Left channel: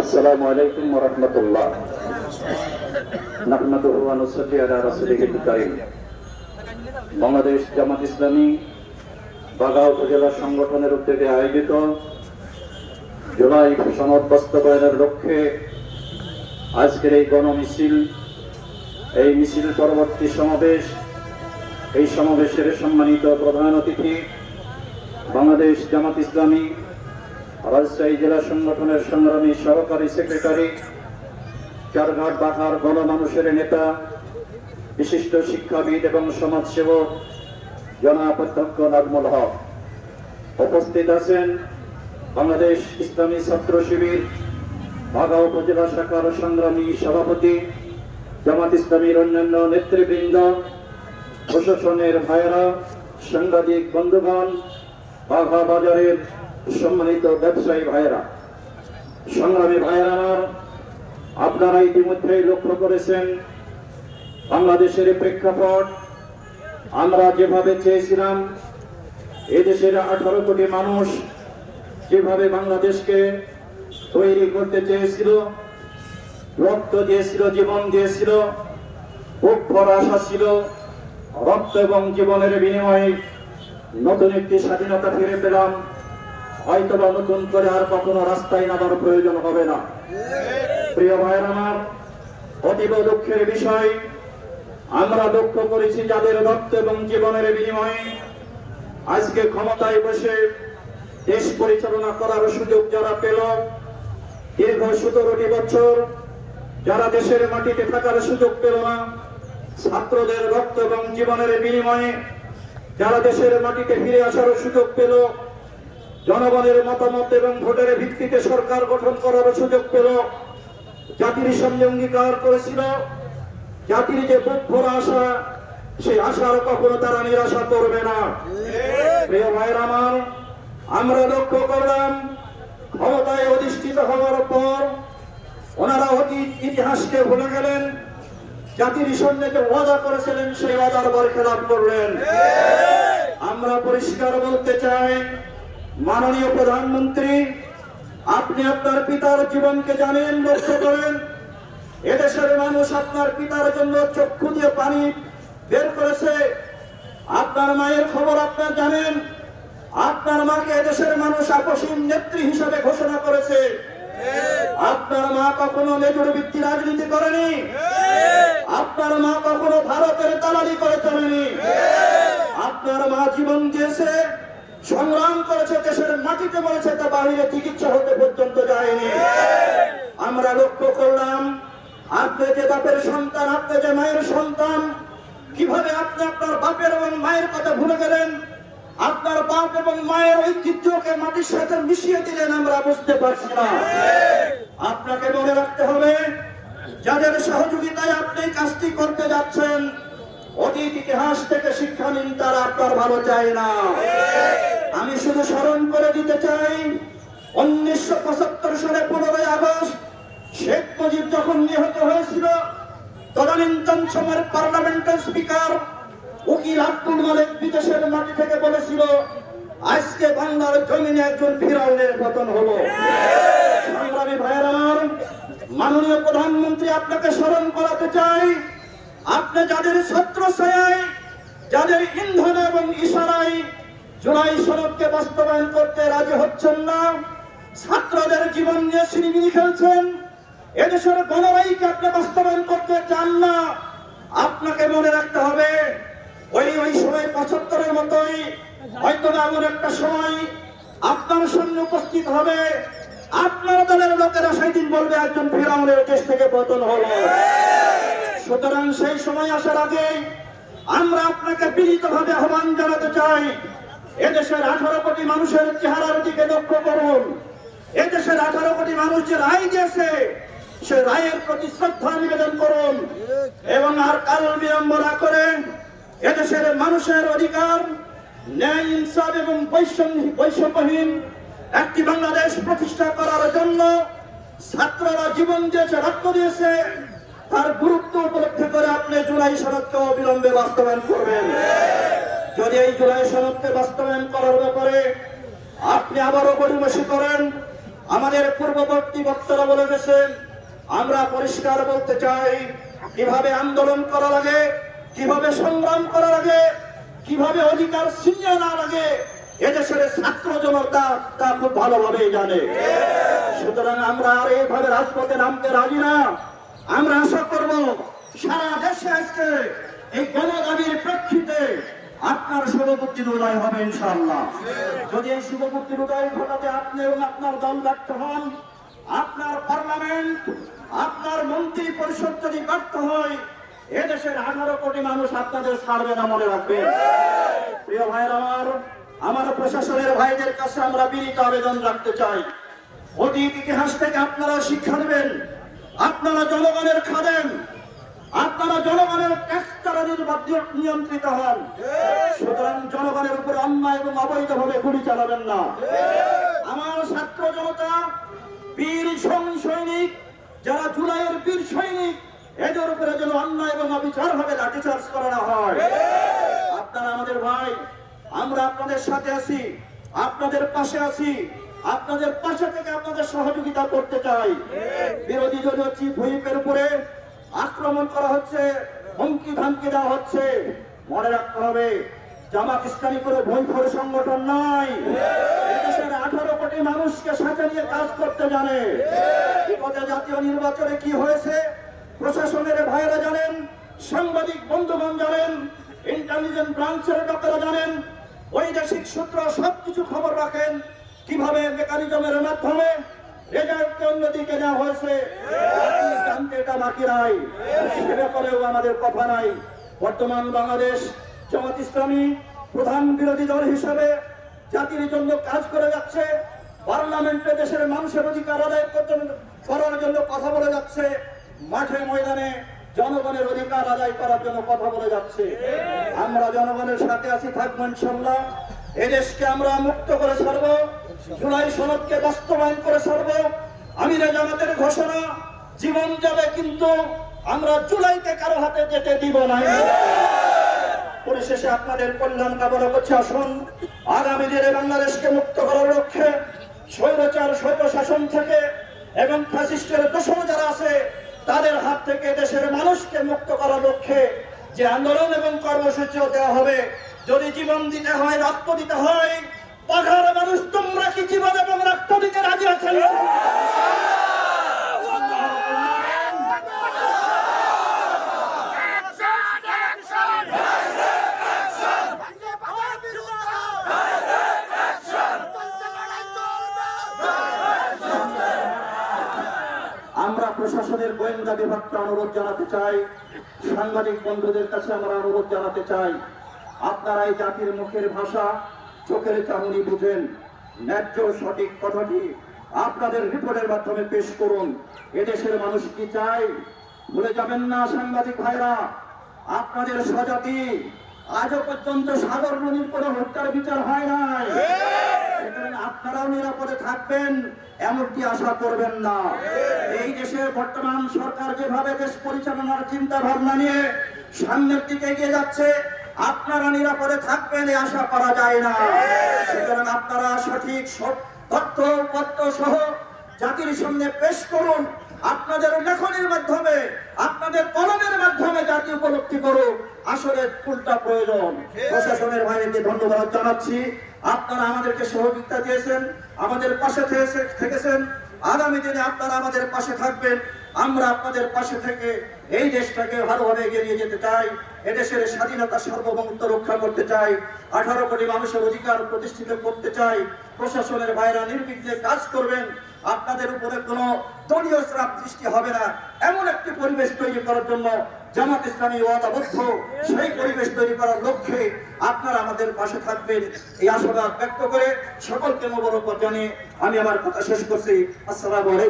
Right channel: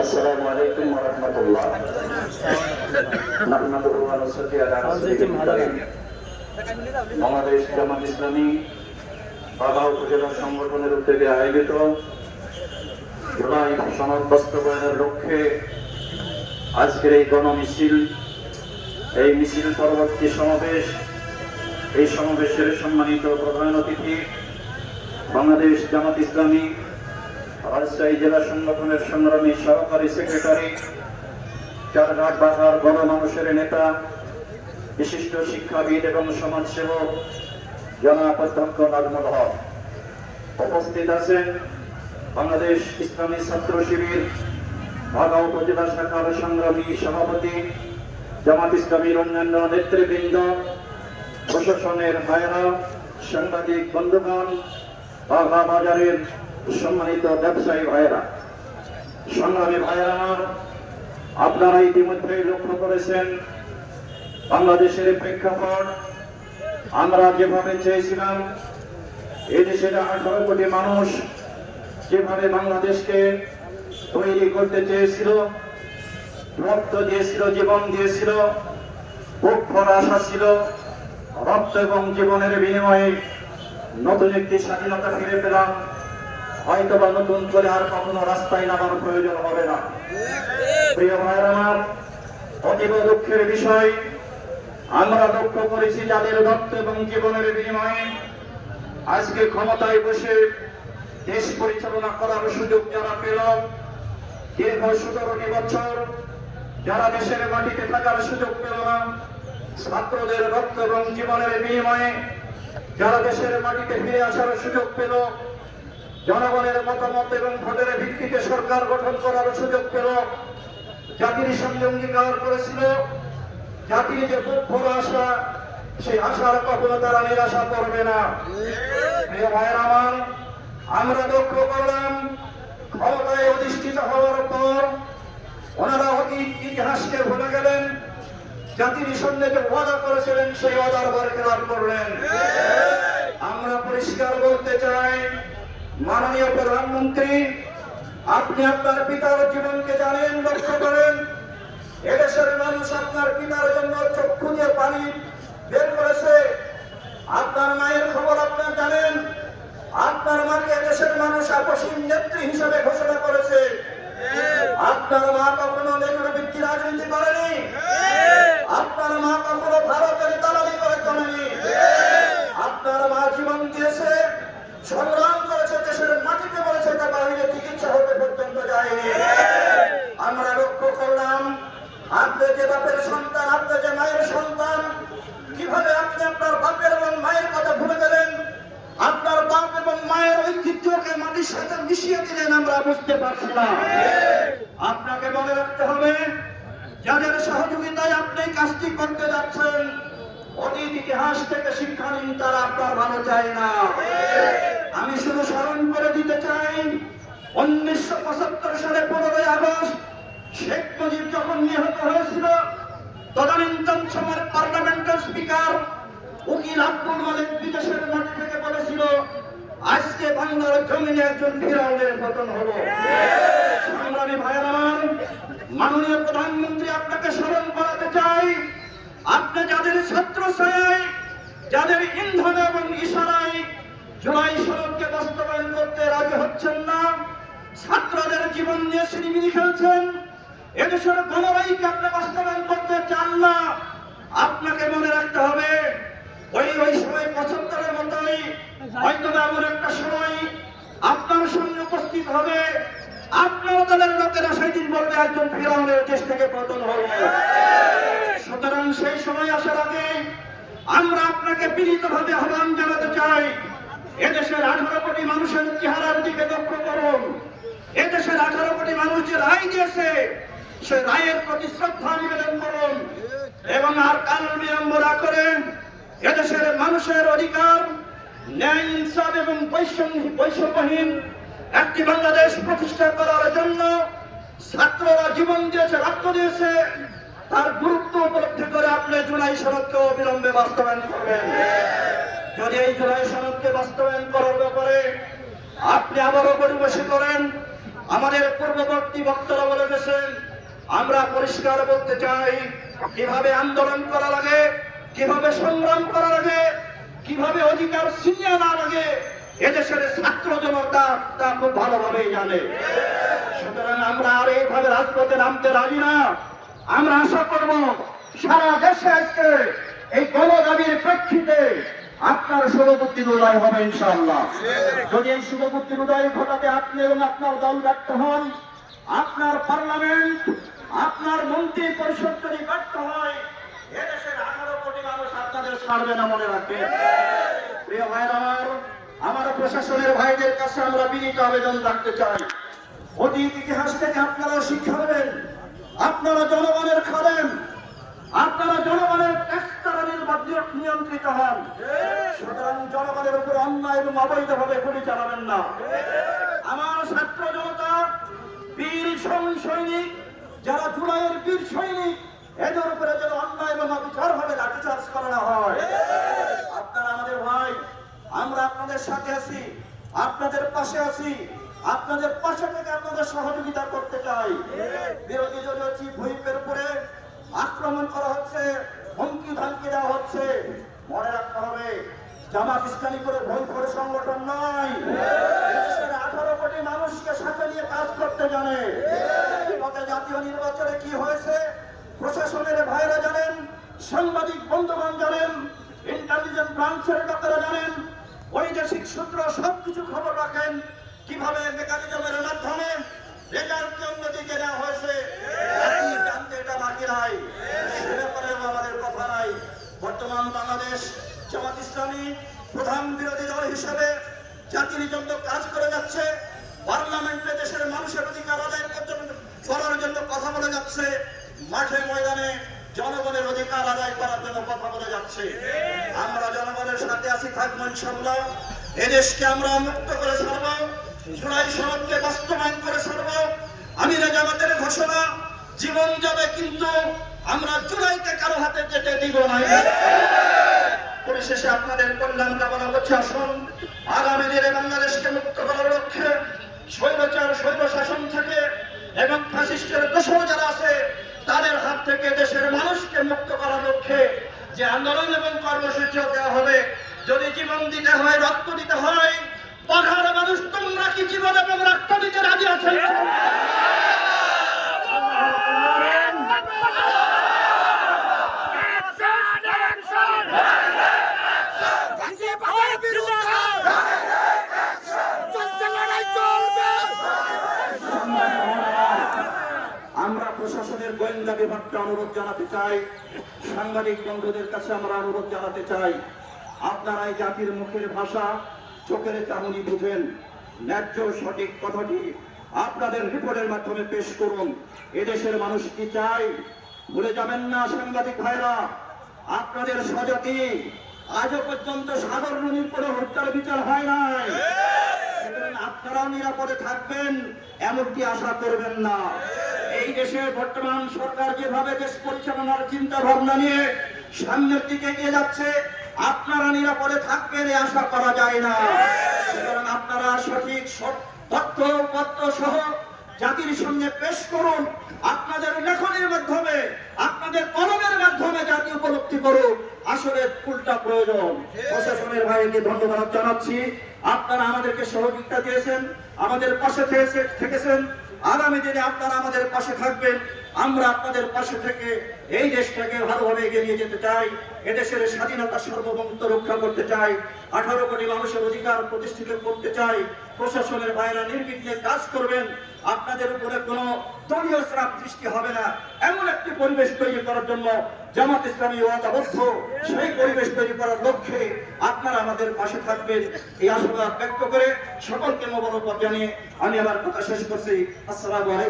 আসসালামু আলাইকুম ওয়া রাহমাতুল্লাহ। নাহমাদুহু ওয়া নুসাল্লি আলা রাসূলিহিল কারীম। বাংলাদেশ জামাত ইসলামী বাঘা উপজেলা সংগঠনের উদ্যোগে আয়োজিত জুলাই সনদ বাস্তবায়নের লক্ষ্যে আজকের এই গণমিছিল, এই মিছিল পরবর্তী সমাবেশ, এই সমাবেশের সম্মানিত প্রধান অতিথি বাংলাদেশ জামাত ইসলামী রাজশাহী জেলা সংগঠনের সংগ্রামী সহকারী সেক্রেটারি, চারঘাট বাহার গণমানুষের নেতা, বিশিষ্ট শিক্ষাবিদ এবং সমাজসেবক জনাব অধ্যক্ষ নাজমুল হক। উপস্থিত আছেন বাংলাদেশ ইসলামী ছাত্র শিবির বাঘা উপজেলা শাখার সংগ্রামী সভাপতি, জামাত ইসলামীর অন্যান্য নেতৃবৃন্দ, প্রশাসনের ভাইয়েরা, সাংবাদিক বন্ধুগণ, বাঘা বাজারের সম্মানিত ব্যবসায়ী ভাইয়েরা, সংগ্রামী ভাইয়েরা, আপনারা ইতিমধ্যেই লক্ষ্য করেছেন বাংলাদেশের প্রেক্ষাপট। আমরা যেভাবে চেয়েছিলাম, এদেশের 18 কোটি মানুষ যেভাবে বাংলাদেশকে তৈরি করতে চেয়েছিল, রক্ত দিয়েছিল, জীবন দিয়েছিল, বুক ভরা আশা ছিল, রক্ত এবং জীবনের বিনিময়ে নতুন একটি স্বাধীনতা ফিরে পেলাম। হয়তো বা নতুন করে আর কখনো রাস্তায় নামার প্রয়োজন হবে না। প্রিয় ভাইয়েরা আমার, অতীব দুঃখের বিষয়, আমরা লক্ষ্য করেছি যাদের রক্ত এবং জীবনের বিনিময়ে আজকে ক্ষমতায় বসে দেশ পরিচালনা করার সুযোগ যারা পেল, দীর্ঘ 17টি বছর যারা দেশের মাটিতে থাকার সুযোগ পেল না, ছাত্রদের রক্ত এবং জীবনের বিনিময়ে যারা দেশের মাটিতে ফিরে আসার সুযোগ পেল, জনগণের মতামত এবং ভোটের ভিত্তিতে সরকার গঠন করার সুযোগ পেল, জাতির সঙ্গে অঙ্গীকার করেছিল, জাতির যে বুক ভরা আশা, সেই আশার কখনো তারা নিরাশা করবে না। প্রিয় ভাইয়েরা আমার, আমরা লক্ষ্য করলাম ক্ষমতায় অধিষ্ঠিত হওয়ার পর ওনারা অতীত ইতিহাসকে ভুলে গেলেন, জাতির সঙ্গে যে ওয়াদা করেছিলেন সেই ওয়াদার বরখেলাপ করলেন। আমরা পরিষ্কার বলতে চাই, মাননীয় প্রধানমন্ত্রী, আপনি আপনার পিতার জীবনকে জানেন, লক্ষ্য করেন। এদেশের মানুষ আপনার পিতার জন্য চক্ষু দিয়ে পানি বের করেছে। আপনার মায়ের খবর আপনার জানেন। আপনার মাকে এদেশের মানুষ আকস্মিক নেত্রী হিসেবে ঘোষণা করেছে। আপনার মা কখনো লেজুর ভিত্তি রাজনীতি করেনি। আপনার মা কখনো ভারতের দালালি করে চলেনি। আপনার মা জীবন দিয়েছে, সংগ্রাম করেছে, দেশের মাটিতে মরেছে, তা বাহিরে চিকিৎসা হতে পর্যন্ত যায়নি। আমরা লক্ষ্য করলাম আপনি যে বাপের সন্তান, আপনি যে মায়ের সন্তান, কিভাবে আপনি আপনার বাপের এবং মায়ের কথা ভুলে গেলেন, আপনার বাপ এবং মায়ের ঐতিহ্যকে মাটির সাথে মিশিয়ে দিলেন, আমরা বুঝতে পারছি না। আপনাকে মনে রাখতে হবে, যাদের সহযোগিতায় আপনি কাজটি করতে যাচ্ছেন, অতীত ইতিহাস থেকে শিক্ষা নিন, তারা আপনার ভালো চায় না। আমি শুধু স্মরণ করে দিতে চাই, 1975 সালে 15ই আগস্ট শেখ মুজিব যখন নিহত হয়েছিল, তদানীন্তন সময়ের পার্লামেন্টের স্পিকার উকিল আব্দুল মালিক বিদেশের মাটি থেকে বলেছিল, আজকে বাংলার জমিনে একজন ফিরাউনের পতন হলো। সংগ্রামী ভাইরা, মাননীয় প্রধানমন্ত্রী, আপনাকে স্মরণ করাতে চাই, আপনি যাদের ছত্রছায়ায়, যাদের ইন্ধন এবং ইশারায় জুলাই সনদকে বাস্তবায়ন করতে রাজি হচ্ছেন না, ছাত্রদের জীবন নিয়ে ছিনিমিনি খেলছেন, এদেশের গণবাহীকে আপনি বাস্তবায়ন করতে চান না, আপনাকে মনে রাখতে হবে ওই সময় 75-এর মতোই হয়তো এমন একটা সময় আপনার সৈন্য উপস্থিত হবে, আপনার দলের লোকেরা সেদিন বলবে একজন ফিরাউনের দেশ থেকে পতন হলো। সুতরাং সেই সময় আসার আগে আমরা আপনাকে বিনীতভাবে আহ্বান জানাতে চাই, এদেশের 18 কোটি মানুষের চেহারার দিকে লক্ষ্য করুন। এদেশের 18 কোটি মানুষ যে রায় দিয়েছে, সে রায়ের প্রতি শ্রদ্ধা নিবেদন করুন এবং আর কাল বিলম্ব না করে এদেশের মানুষের অধিকার, ন্যায়, ইনসাফ এবং বৈষম্যহীন একটি বাংলাদেশ প্রতিষ্ঠা করার জন্য ছাত্ররা জীবন দিয়েছে, রক্ত দিয়েছে, তার গুরুত্ব উপলব্ধি করে আপনি জুলাই সনদকে অবিলম্বে বাস্তবায়ন করবেন। যদি এই জুলাই সনদকে বাস্তবায়ন করার ব্যাপারে আপনি আবারও গড়িমসি করেন, আমাদের পূর্ববর্তী বক্তারা বলে গেছেন, আমরা পরিষ্কার বলতে চাই কিভাবে আন্দোলন করা লাগে, কিভাবে সংগ্রাম করা লাগে, কিভাবে অধিকার ছিনিয়ে না লাগে এদেশের ছাত্র জনতা তা খুব ভালোভাবেই জানে। সুতরাং আমরা আর এইভাবে রাজপথে নামতে রাজি না। আমরা আশা করব সারা দেশে আজকে এই গণদাবির প্রেক্ষিতে আপনার শুভবুদ্ধির উদয় হবে ইনশাআল্লাহ। যদি এই শুভবুদ্ধির উদয় ঘটাতে আপনি এবং আপনার দল ব্যর্থ হন, আপনার পার্লামেন্ট, আপনার মন্ত্রী পরিষদ যদি ব্যর্থ হয়, এদেশের 18 কোটি মানুষ আপনাদের ছাড়বে না, মনে রাখবেন। প্রিয় ভাইয়ের আমার প্রশাসনের ভাইদের কাছে আমরা বিনীত আবেদন রাখতে চাই, অতীত ইতিহাস থেকে আপনারা শিক্ষা নেবেন। আপনারা জনগণের খাদেম, আপনারা জনগণের ট্যাক্স দ্বারা নিয়ন্ত্রিত হন। সুতরাং জনগণের উপরে অন্যায় এবং অবৈধভাবে গুলি চালাবেন না। আমার ছাত্র জনতা, বীর সৈনিক, যারা জুলাইয়ের বীর সৈনিক, এদের উপরে যেন অন্যায় এবং অবিচার ভাবে লাঠিচার্জ করা না হয়। আপনারা আমাদের ভাই, আমরা আপনাদের সাথে আছি, আপনাদের পাশে আছি, আপনাদের পাশে থেকে আপনাদের সহযোগিতা করতে চাই। বিরোধী দলীয় চিফ হুইপের উপরে আক্রমণ করা হচ্ছে, হুমকি ধামকি দেওয়া হচ্ছে। মনে রাখতে হবে, জামাত ইসলামী করে ভুল করে সংগঠন নয়, এদেশের 18 কোটি মানুষকে সাথে নিয়ে কাজ করতে জানে। বিগত জাতীয় নির্বাচনে কি হয়েছে প্রশাসনের ভাইরা জানেন, সাংবাদিক বন্ধুগণ জানেন, ইন্টেলিজেন্স ব্রাঞ্চের লোকেরা জানেন, বৈদেশিক সূত্র সবকিছু খবর রাখেন, কিভাবে মেকানিজমের মাধ্যমে রেজাল্টকে অন্যদিকে নেওয়া হয়েছে। জানতে এটা বাকি নাই, সে ব্যাপারেও আমাদের কথা নাই। বর্তমান বাংলাদেশ জামাত ইসলামী প্রধান বিরোধী দল হিসেবে জাতির জন্য কাজ করে যাচ্ছে, পার্লামেন্টে দেশের মানুষের অধিকার আদায় করার জন্য কথা বলে যাচ্ছে, মাঠে ময়দানে জনগণের অধিকার আদায় করার জন্য কথা বলে যাচ্ছে। আমরা জনগণের সাথে আছি, থাকবো ইনশাআল্লাহ। এদেশকে আমরা মুক্ত করে ছাড়ব, জুলাই সনদকে বাস্তবায়ন করে ছাড়ব। আমিরে জামাতের ঘোষণা, জীবন যাবে কিন্তু আমরা জুলাইকে কারো হাতে যেতে দিব না। পরিশেষে আপনাদের কল্যাণ কামনা করছি, আসুন আগামী দিনে বাংলাদেশকে মুক্ত করার লক্ষ্যে স্বৈরাচার স্বৈর শাসন থেকে এবং ফ্যাসিস্টের দোষর যারা আছে তাদের হাত থেকে দেশের মানুষকে মুক্ত করার লক্ষ্যে যে আন্দোলন এবং কর্মসূচি দেওয়া হবে, যদি জীবন দিতে হয়, রক্ত দিতে হয়, পাহাড় মানুষ তোমরা কি জীবন এবং রক্ত দিতে রাজি আছেন? আমরা প্রশাসনের গোয়েন্দা বিভাগকে অনুরোধ জানাতে চাই, সাংবাদিক বন্ধুদের কাছে আমরা অনুরোধ জানাতে চাই, আপনারা এই জাতির মুখের ভাষা, চোখের চাহনি বুঝেন, ন্যায্য সঠিক কথাটি আপনাদের রিপোর্টের মাধ্যমে পেশ করুন। এদেশের মানুষ কি চাই ভুলে যাবেন না সাংবাদিক ভাইরা। আপনাদের স্বজাতি আজও পর্যন্ত সাগর নদীর কোনো হত্যার বিচার হয় নাই, আপনারাও নিরাপদে থাকবেন এমনটি আশা করবেন না। এই দেশের বর্তমান সরকার যেভাবে দেশ পরিচালনার চিন্তা ভাবনা নিয়ে সামনের দিকে এগিয়ে যাচ্ছে, আপনারা নিরাপদে থাকবেন এ আশা করা যায় না। সুতরাং আপনারা সঠিক তথ্য সহ জাতির সামনে পেশ করুন। আপনাদের লেখনের মাধ্যমে, আপনাদের কলমের মাধ্যমে জাতি উপলব্ধি করুন আসলে কোনটা প্রয়োজন। প্রশাসনের ভাইকে ধন্যবাদ জানাচ্ছি, আপনারা আমাদেরকে সহযোগিতা দিয়েছেন, আমাদের পাশে থেকেছেন। আগামী দিনে আপনারা আমাদের পাশে থাকবেন, আমরা আপনাদের পাশে থেকে এই দেশটাকে ভালোভাবে এগিয়ে নিয়ে যেতে চাই। এদেশের স্বাধীনতা সার্বভৌমত্ব রক্ষা করতে চাই, 18 কোটি মানুষের অধিকার প্রতিষ্ঠিত করতে চাই। প্রশাসনের বাইরে নির্বিঘ্নে কাজ করবেন, আপনাদের উপরে কোনো দলীয় চাপ সৃষ্টি হবে না, এমন একটি পরিবেশ তৈরি করার জন্য জামাত ইসলামী ওয়াদাবদ্ধ। সেই পরিবেশ তৈরি করার লক্ষ্যে আপনারা আমাদের পাশে থাকবেন এই আশাবাদ ব্যক্ত করে সকলকে মোবারকবাদ জানিয়ে আমি আমার কথা শেষ করছি। আসসালামু আলাইকুম।